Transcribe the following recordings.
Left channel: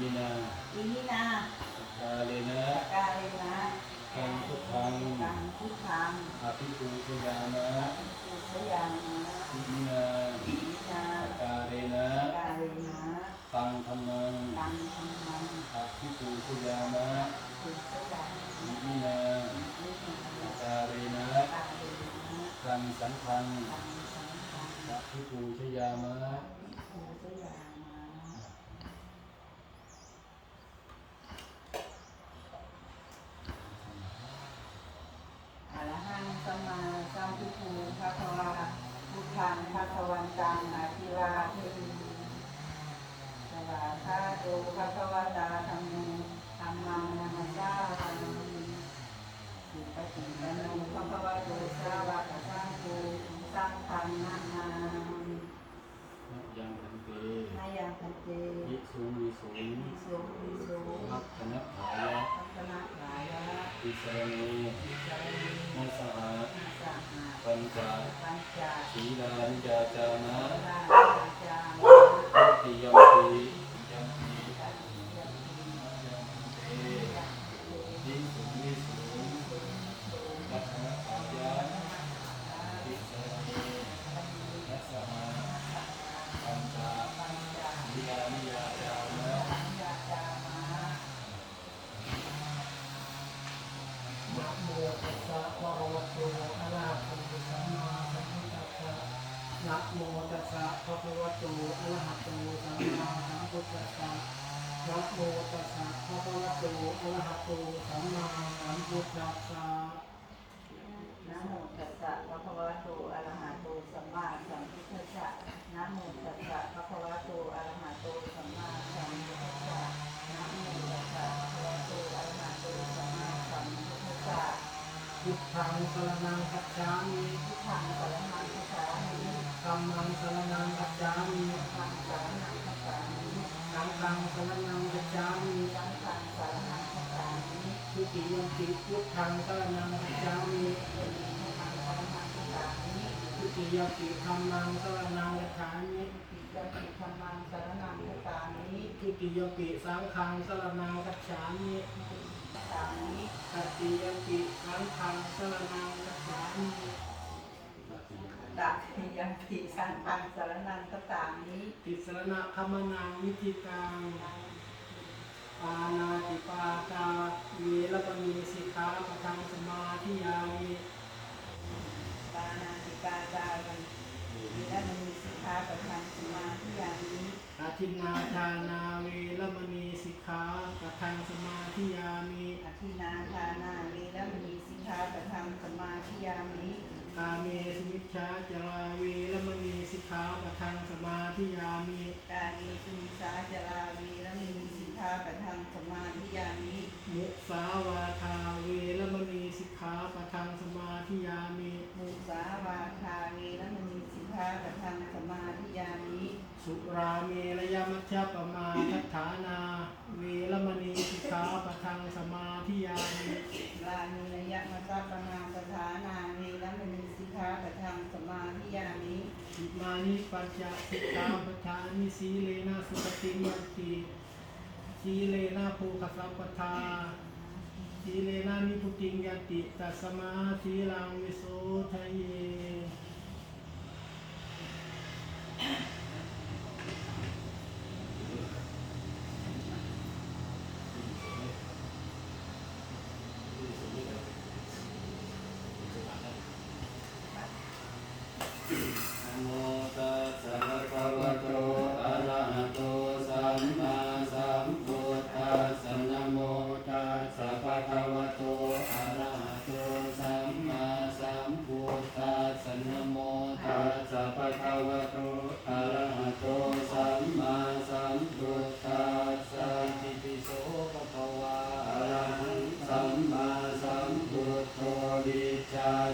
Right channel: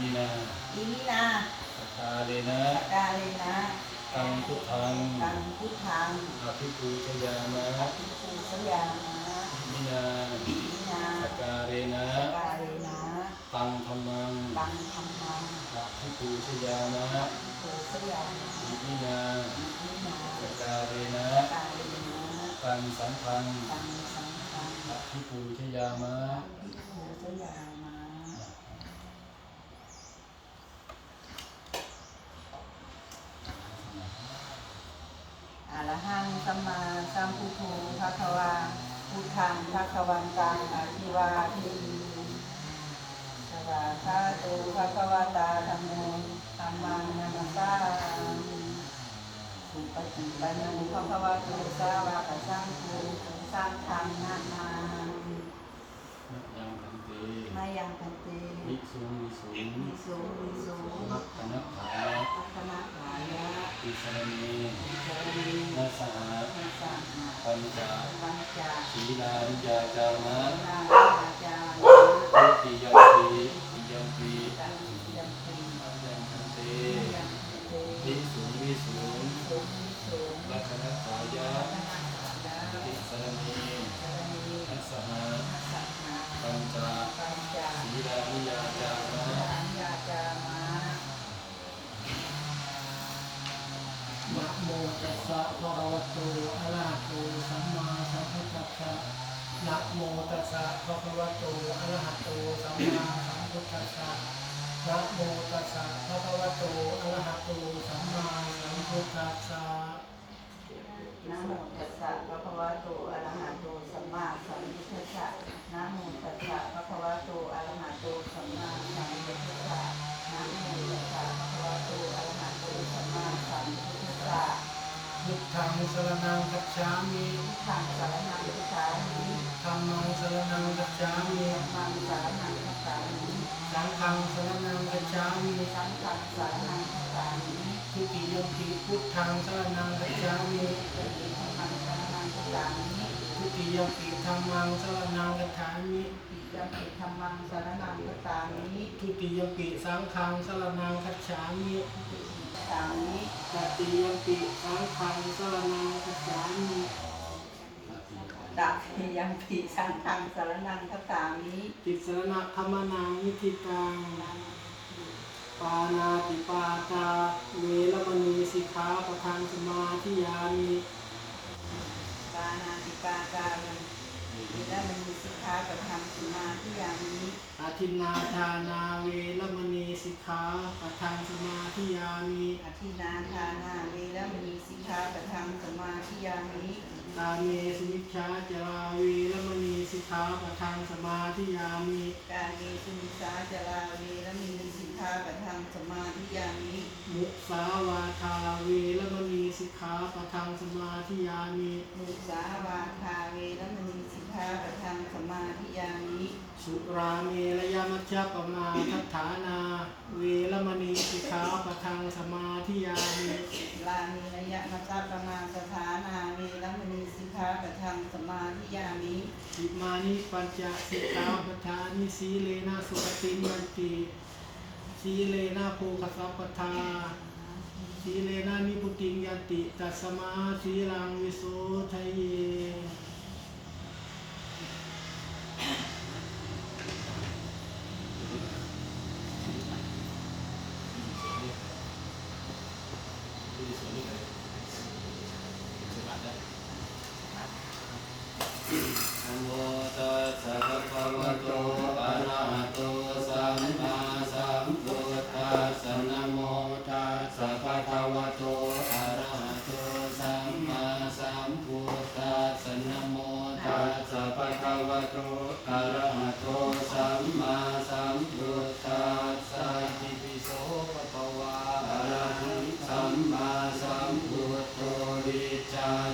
มินาอิมินาสกาเลนะสกาเลนะตังพุทธังตังพุทธังอภิปูชยามะอิปุสยามาอิมินาอิมินาสกาเลนะสกาเลนะตังธรรมังตังธรรมังอภิปูชยามะปุสยามาอิมินาอิมินาสกาเลนะสกาเลนะตังสังฆังตังสังฆังอภิปูชยามะอิปุสยามา ตัส สรณังกัจฉามิพุทธังสรณังคัจฉามิธัมมังสรณังกัจฉามิธัมมังสรณังคัจฉามิสังฆังสรณังกัจฉามิสังฆังสรณังคัจฉามิทุติยมปิพุทธังสรณังกัจฉามิธัมมังสรณังคัจฉามิทุติยมปิธัมมังสรณังกัจฉามิติยมปิธัมมังสรณังคัจฉามิทุติยมปิสังฆังสรณังกัจฉามิ สามิตติยมปิสังฆังสรณังกัจฉามิตักยังปิสังฆังสรณังคัจฉามิติสรณะคมนังนิธิตังปานาติปาตาเวรมณีสิกขาปะทังสมาธิยามิปานาติปาตายังวิรมณีสิกขาปะทังสมาธิยามิอาทินนาทานาเวรมณีสิก ขาปะทังสมาธิยามิอธินาทานาวิรมณีสิกขาปะทังสมาธิยามิกาเมสุมิชฌาจาราเวรมณีสิกขาปะทังสมาธิยามิกายเยสุมิสาจาราวิรมณีสิกขาปะทังสมาธิยามิมุสาวาทาเวรมณีสิกขาปะทังสมาธิยามิมุสาวาทาเวรมณีสิกขาปะทังสมาธิยามิ สุราเมรยมัชฌปมาทัฏฐานา เวรมณีสิกขาปะทังสมาธิยามิลามีระยะมัสสะปะมาสถานาเวรมณีสิกขาปะทังสมาธิยามิอิมานิปัญจสิกขาปทานิสีเลนะสุขติยันติสีเลนะโภคสัพพทาสีเลนะนิพุติยันติตัสสมาสีลังวิโสทะเย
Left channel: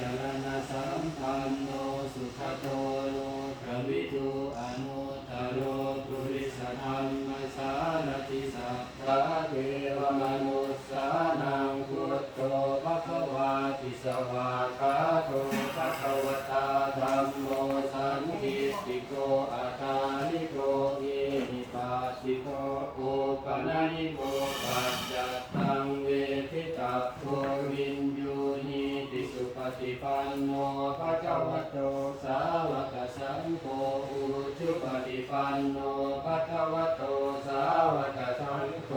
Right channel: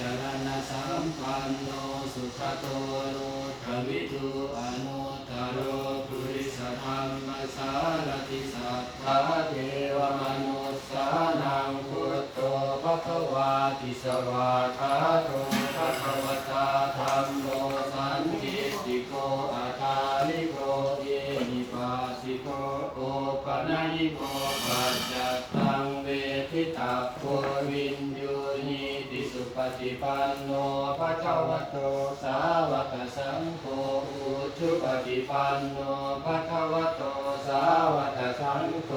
จรณะสัมปันโนสุขโตโลกวิทูอนุตโรปุริสธรรมสารติสัทธาเทวมนุสสานังพุทโธภควาติสวาคาตุภควตาธรรมโมสันติสิโกอาคาลิโกอินิปัสสิโกโอปนัยโมปัจจัตตัง ปันโนภะคะวะโตสาวกสังโฆอุชุปฏิปันโนภะคะวะโตสาวกสังโฆ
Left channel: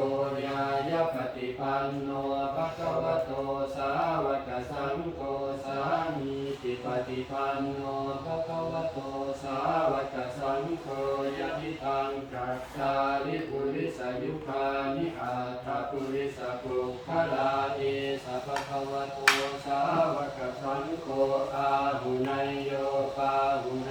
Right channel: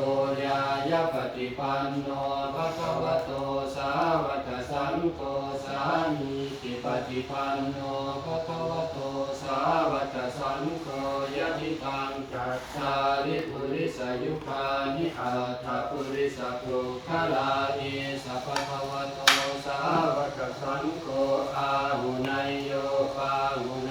ยายาปฏิปันโนภะคะวะโตสาวกสังโฆสามีติปฏิปันโนภะคะวะโตสาวกสังโฆยะทิตัง ทาริปุริสยุคานิอาทาปุริสโกคาลาเอสัพพะวะโตสาวกสังโฆอาหุนายโยปาหุน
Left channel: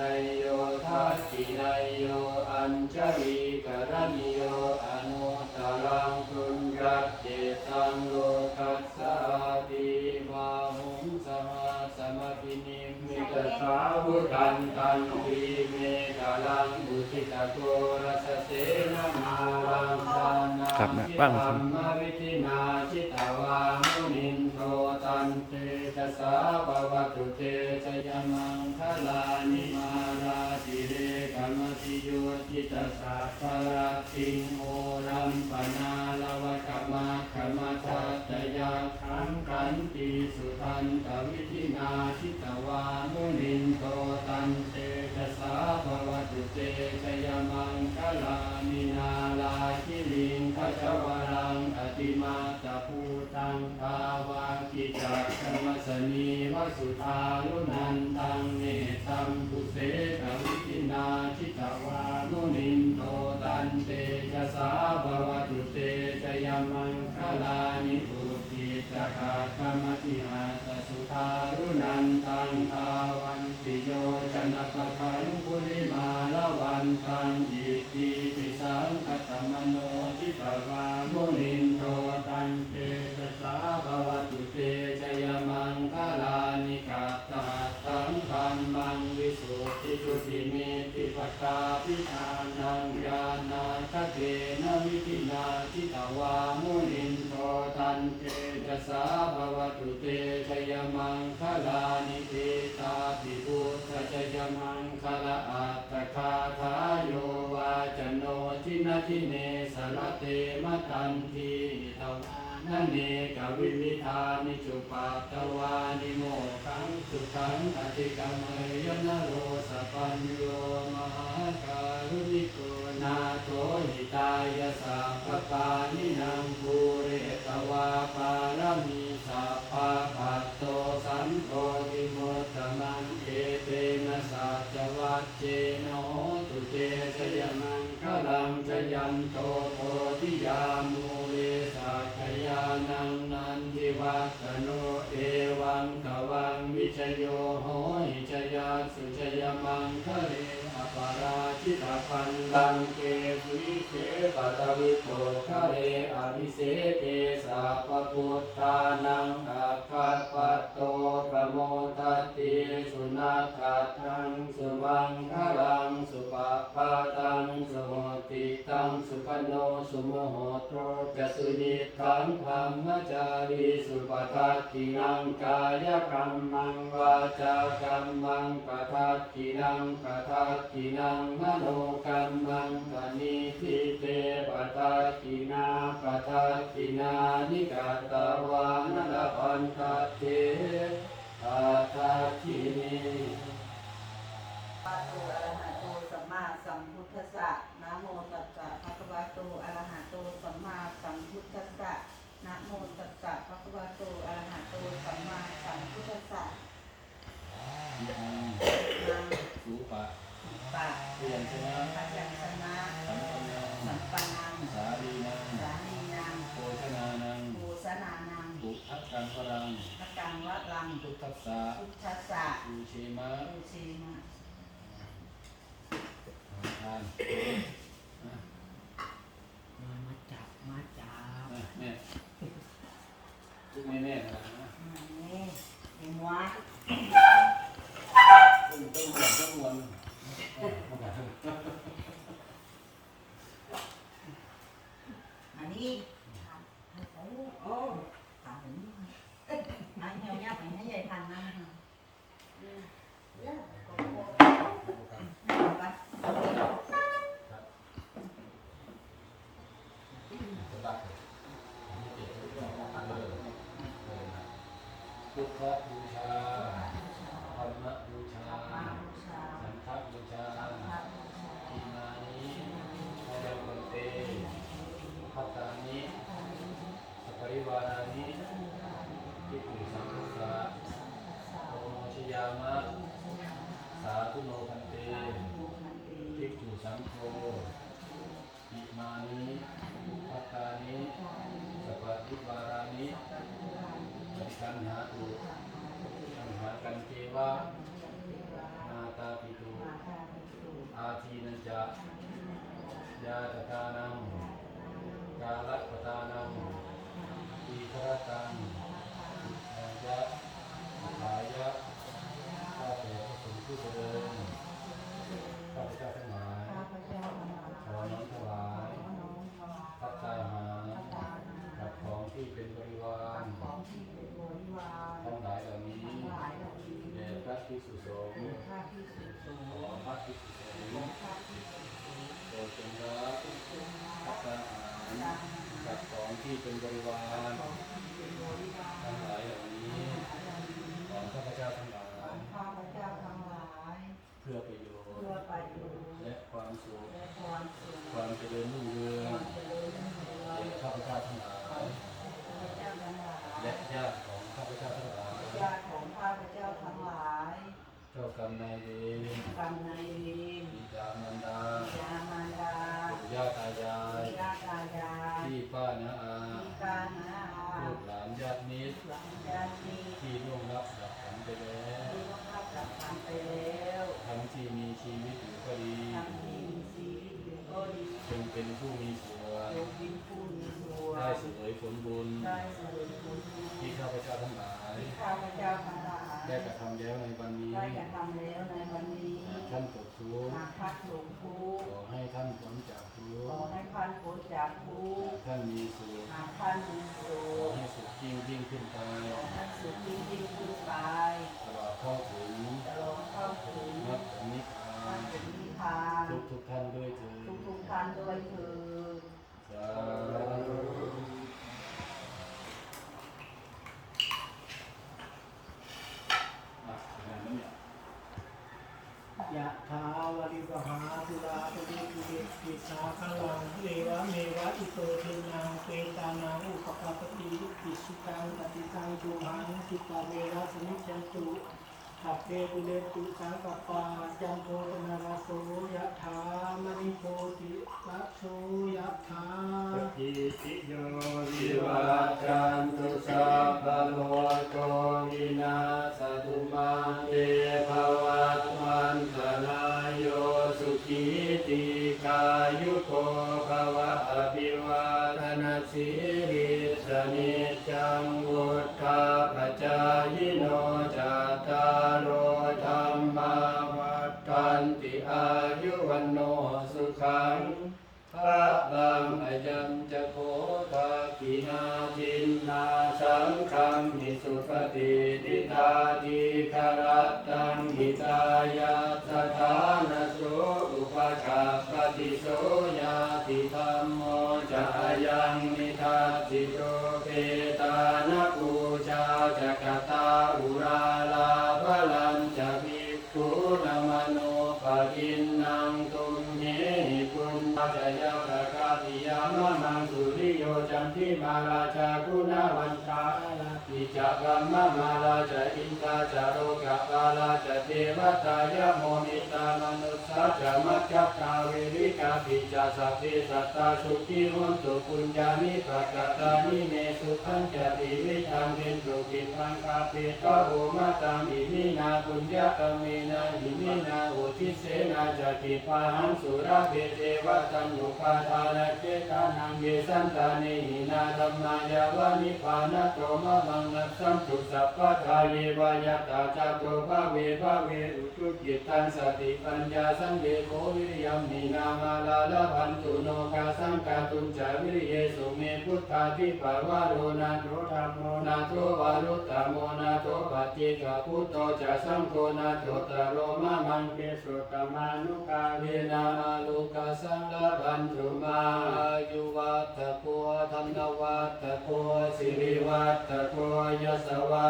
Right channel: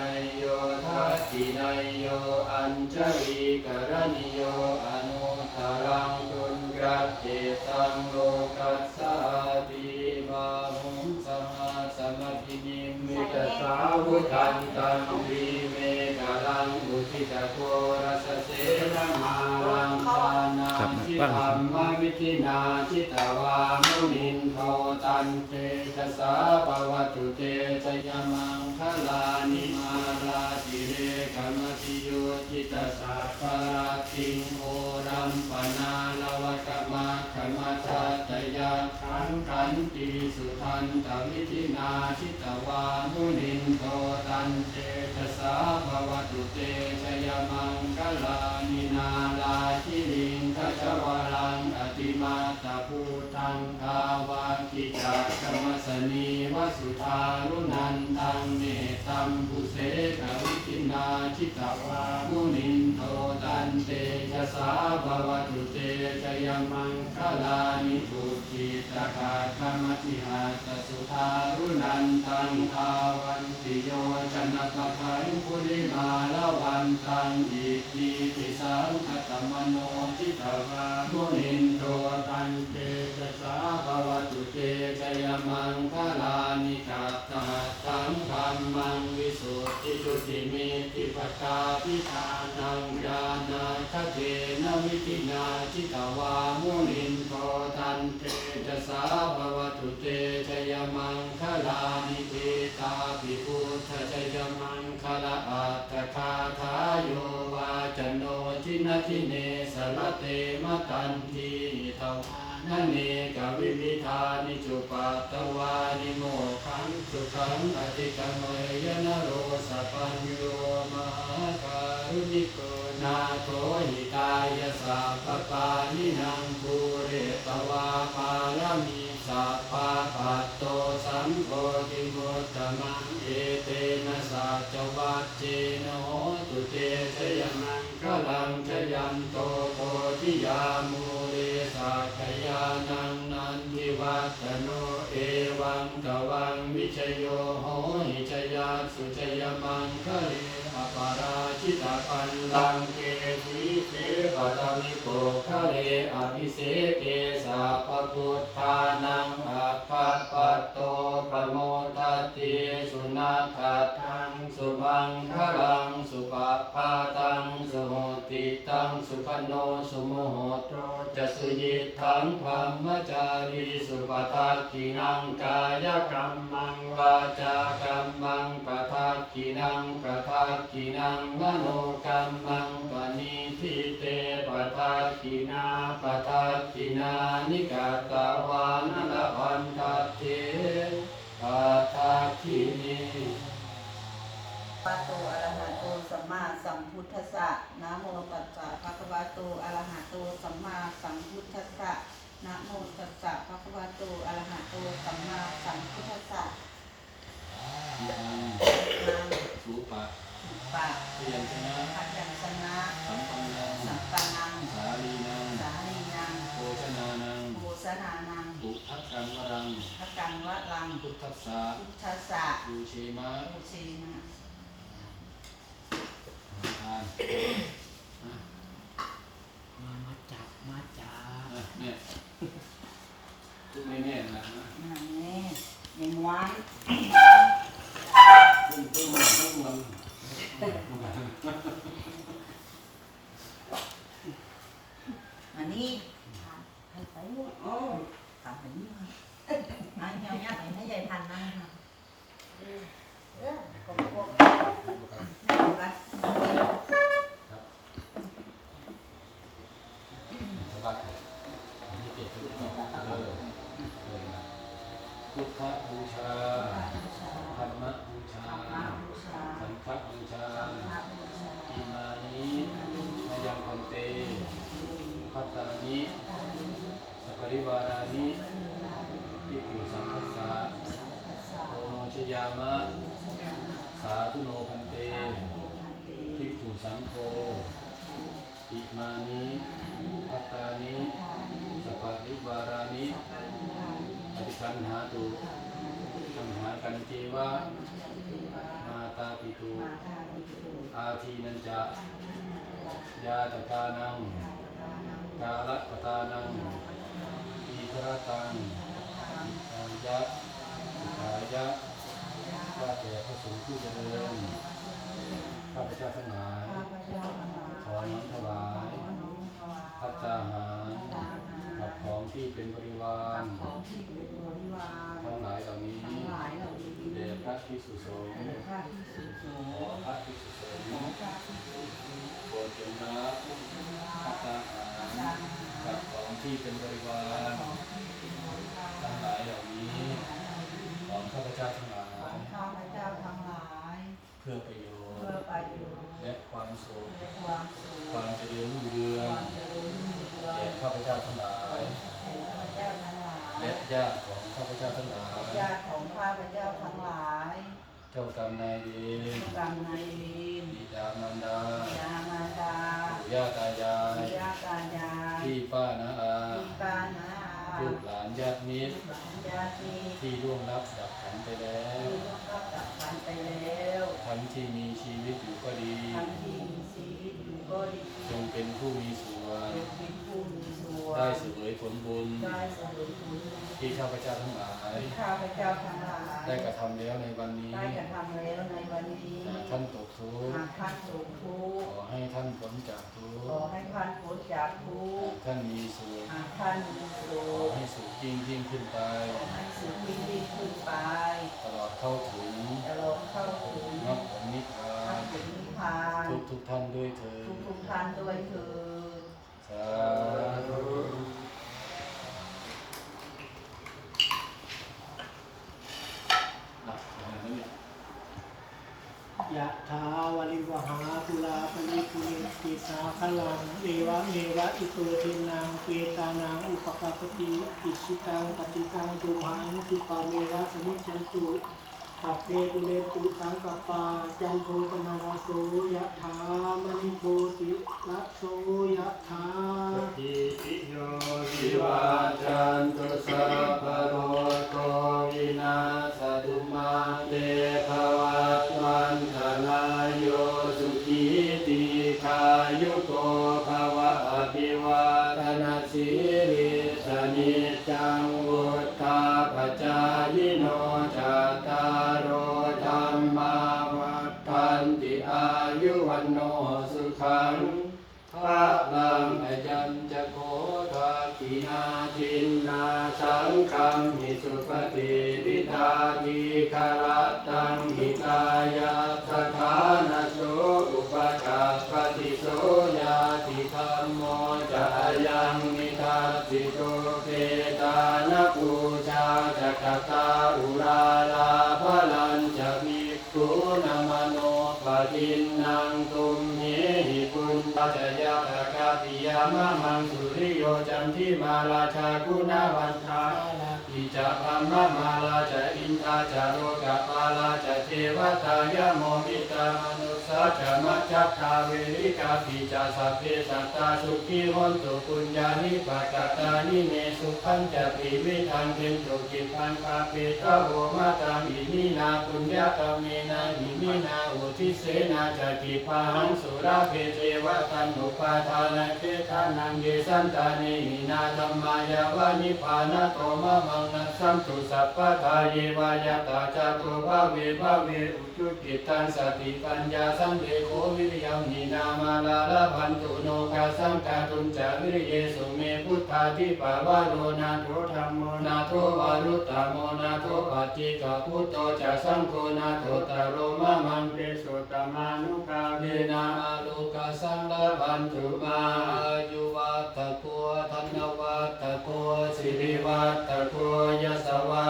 ครับทิบ้างธรรมวิธินาทิตวามุนินโทตันเตชะสาปวัตุเตชยมังคลานิมาราติเรกมติโยจิตสัพพะราติงโอรัมปนาลวกมาขมาทัตยาขังขันติสุทันตวิธินาทิตวามุนินโทตันเตชะสาปวัตุเตชยมังคลาน จวรังอติมาตาภูตังทาวากิจาธรรมสนีวสุธารุนันตังเนตัมภูเสกวิทินาทิตวามุนินโทตันเตยะสาภวตุเตชยมังคลานิภูกิตกาคมติหาตสุธารุนันตังทาวันติโยชนะปะทังปุริมาละวันตังอิติปิสังคตมโน ติปกาพิธานังญาณาทเทนะวิตินาทิตวามุนินโทตันเตชะสาภวตุเตชยมังคลานิเตตาปิพุทธชยมังคลาอัตตคาทายโยวาจโนทินาทิเน สรเตมตันทีทวานเนกวิมิธานิจุปัตวานิโมขังสุขังอติกมเมยนโรสปัญโยมหาการุณิโกนาโตหิตายสัพพปานินางภูเรตวาปารมีสัพพะปัตโตสังโฆติโมตตมังเอเตนะสัจวัจเจโน ธิยามูเลสักยานังนันทิวัตโนเอวังตวังวิชโยโหหิชยาสุชยมังคะเลอปาราชิตาปันลังเกสีเสปัตวิโกคะเลอภิเสเกสัพพุทธานังอัคคปัตโตปโมทติสุนัขทังสุบังคลังสุปะปาตังสุหติตังสุขโน โมโหโตจะสุยิทังธรรมจารีสุปทักขินังกายกรรมังวาจากรรมังปทักขินังปทักขินังมโนกรรมังปณิทิเตปทักขินาปทักขินานิกาตวานลพันทัตเตปทักขินี อะระหะโตสัมมาสัมพุทธัสสะนะโมตัสสะภะคะวะโตอะระหะโตสัมมาสัมพุทธัสสะมังนางสุปะสุปะเพียนชนะพัยัญชนะสัมปันนังสัมปันนังสาลีนังสามีนังโภชนานังโภสนานังปุทักกังวรังพระกังวะลังพุทธัสสะพุทธัสสะปูเชมะโอชีนะ วัดพุทธบูชา แด่พระภิกษุสงฆ์ขอพระภิกษุสงฆ์โปรดจงรับพัตาหารกับของที่เป็นบริวารทั้งหลายเหล่านี้ของข้าพเจ้าทั้งหลาย ข้าพเจ้าทั้งหลาย เพื่อประโยชเพื่อประโยชน์ และความสุข ความสุข ความเจริญรุ่งเรืองแก่ข้าพเจ้าทั้งหลายข้าพเจ้าทั้งหลายและญาติของข้าพเจ้าทั้งหลายญาติของข้าพเจ้าทั้งหลาย เจ้ากรรมนายเวรกรรมนายเวรบิดามารดาบิดามารดาปู่ย่าตายายญาติตายายพี่ป้านาอาพี่ป้าน้าอาลูกหลานญาติมิตรหลานญาติที่ที่ร่วงรับดับขันไปแล้วรับจากกันไปแล้วทั้งที่มีชีวิตอยู่ก็ดีทั้งที่มีชีวิตอยู่ก็ดีจงเป็นผู้มีส่วนเป็นผู้มีส่วนได้เสวยผลบุญได้เสวยผลบุญ ที่ข้าพเจ้าทั้งหลายที่ข้าพเจ้าทั้งหลายได้กระทำแล้วในวันนี้ได้กระทำแล้วในวันนี้หากท่านตกทุกหาข์กท่านสูงทุกขข์อให้ท่านพ้นจากทุขอกข์ให้ท่านพ้นจากทุกข์ท่านมีส่วนหากท่านมีสุขอขให้สุขยิ่งยิ่งขึ้นไปให้สุขยิ่งยิ่งขึ้นไปตลอดเข้าถึงจะลงเข้าถึงมรรคผลนิพพาทานงเป็นนิพพานทุกทุกท่านด้วยเถิทุกดทุกๆท่านด้วยเถิด สาธุอะอะไรนั่นเนี่ย ยะถาวริวหาปุราปริปุเรนติสา คลังเอวะเมวะอิโตเทนังเวตานังอุปกาปติอิชิตังปฏิตังตุมหังจุปาเมวะสมิจฉันตุสัพเพปุเรตุสังกปาจันโทปนาราโสยะถามณิโพติละโสยะถาอิโยวิวัจจันโท นาจินนาสังคัมมิสุปฏิทิตาทีคารา มาราชาคุณาวันทาลาปิจะบัมมะมาลาจะอินทาจะโรกะปาลาจะ ทวตายโมมิตามนุสสาจะมัจจัตตาเวริกาปิจะสัพเพสัตตาสุขีหนตุปุญญานิปะกะตานิเมสุขังจะติวิทันเทนตุกิปันปาเปตะโหมาตังอิมินาปุญญาตเมนะอิมินาอุทิเสนาจะกิปะหังสุราเพเทวตันุปาทานเกทานังเยสันตาเนหินาธรรมายาวานิพานะโตมะวังนัสสัมตุสัพพะทาเยวายตาจตุภาเวภาเวอุจุกิตังสติปัญญาสัมเดโควิริยมหินามาลาลาพันตุโนกาสังกาตุนจาวิริเยสุเมพุทธาทิปาวโรนาโทธรรมโมนาโทวารุตตโมนาโทปัจจิกพุทโตจะสังโฆนาโทตโรมมังเปสุตตมานุภาเวนามาลุกาสังลาพันตุมาอายุวัตตะโกธนวัตตะโกสิริวัตตะโกยสวั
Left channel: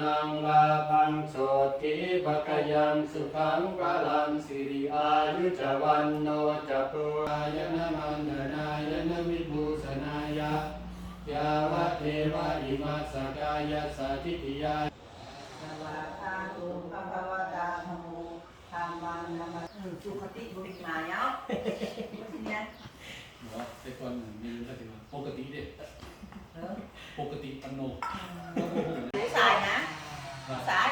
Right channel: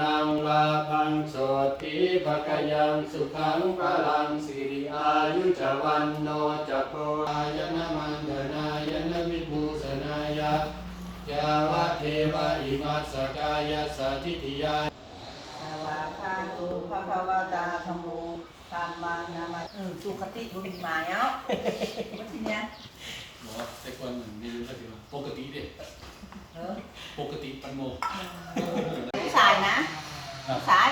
นังลาภังโสติภกยังสุขังพลังสิริอายุจวันโนจักโกอายนมันเดนายนวิภูสนายะยาวะเทวะอิมัสสกายะสัทธิติยาสวาคาโตภะคะวะตาธัมโมธัมมังนามาอืมสุขติเป็นหมายเอาทีเนี้ยบอกว่าแต่ก่อนมันไม่รู้ก็ถือว่าปกติเด็เออปกติปันโน สายนะสาย